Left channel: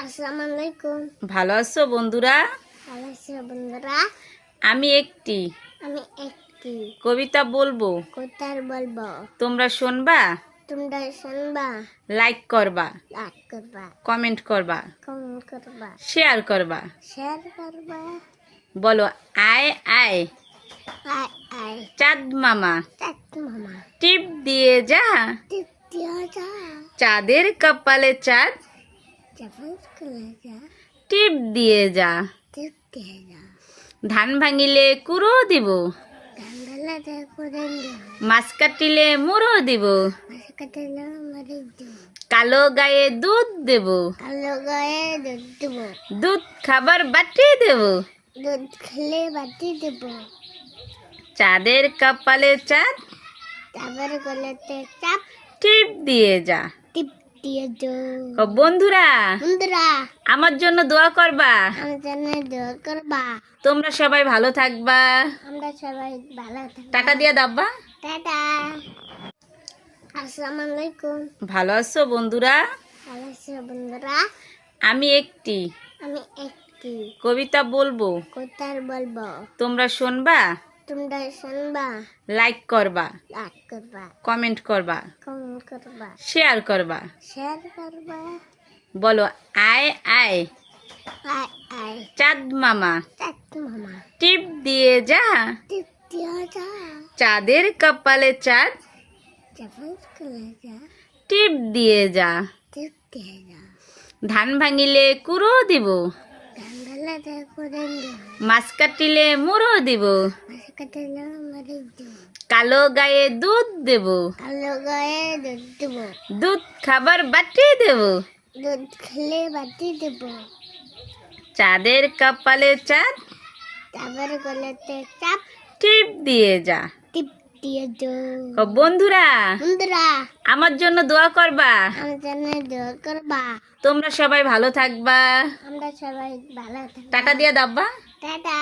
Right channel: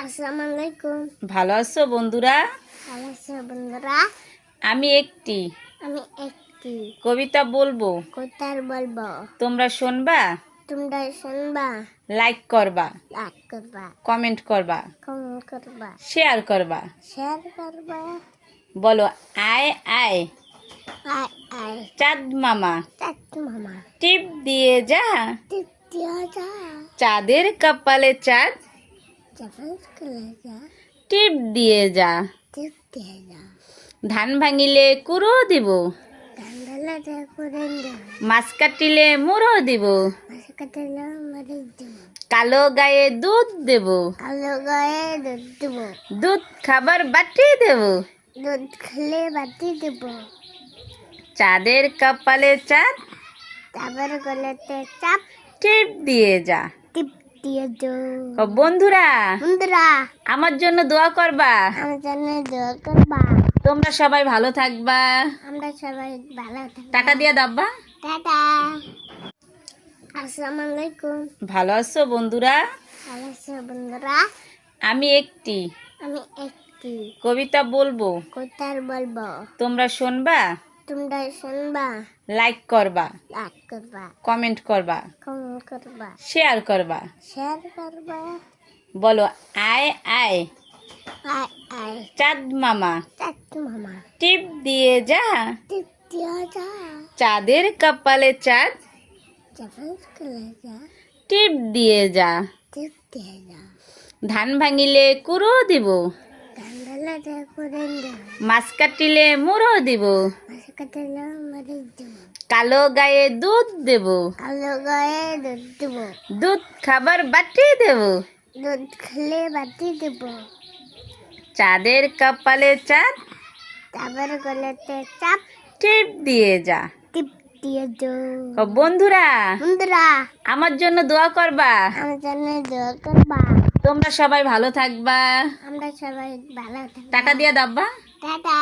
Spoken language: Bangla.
আসসালামু আলাইকুম। ভালো আছো বন্ধুরা? ভালো আছো বন্ধুরা? আমি একটি কবিতা বলবো, বলবো। তোমরা শুনবা, তোমরা শুনবা, লাইক করবা, লাইক করবা, কমেন্ট করবা, শেয়ার করবা। করবা। বলো, আয় আয় আয় আয় চাঁদ মামা, মামা, টিপ দিয়ে যা, টিপ দিয়া যা, চাঁদের কপালে চাঁদ, চাঁদের কলে যা, টিপ দিয়ে যা। টিপ দিয়া যা। ধান ভাঙিলে কুড়ো দিব, ধানডালা করে দেব, মাছ কাটিলে মুড়ো দিব, মাছ কাটালে মারি দেব, কালো গায়ে দুধ দেব, কালো গায়ে দুধ দেব, দুধ খাবার বাটি দেব, দুধ খেলে বাটি দেব, চাঁদের কপালে চাঁদ, চাঁদের গলাতে চাপ, টিপ দিয়ে যা। টিপ দিয়ে যা। বন্ধুরা, বন্ধুরা, আমার জন্য দোয়া করবা, আমার জন্য দোয়া করবা। তোমরা সবাই ভালো থাকবা, আমরা সবাই ভালো থাকবো। টাকা দিয়ে দাব্বা। টাটা। আসসালামু আলাইকুম। ভালো আছো বন্ধুরা? ভালো আছো বন্ধুরা? আমি একটি কবিতা বলবো, বলবো। তোমরা শুনবা, তোমরা শুনবা, লাইক করবা, লাইক করবা, কমেন্ট করবা, শেয়ার করবা। করবা। বলো, আয় আয় আয় আয় চাঁদ মামা, মামা, টিপ দিয়ে যা, টিপ দিয়া যা, চাঁদের কপালে চাঁদ, চাঁদের কলে যা, টিপ দিয়ে যা। টিপ দিয়া যা। ধান ভাঙিলে কুড়ো দিব, ধানডালা করে দেব, মাছ কাটিলে মুড়ো দিব, মাছ কাটালে মারি দেব, কালো গায়ে দুধ দেব, কালো গায়ে দুধ দেব, দুধ খাবার বাটি দেব, দুধ খেলে বাটি দেব, চাঁদের কপালে চাঁদ, চাঁদের গলাতে চাপ, টিপ দিয়ে যা। টিপ দিয়ে যা। বন্ধুরা, বন্ধুরা, আমার জন্য দোয়া করবা, আমার জন্য দোয়া করবা। তোমরা সবাই ভালো থাকবা, আমরা সবাই ভালো থাকবো। টাকা দিয়ে দাব্বা। টাটা।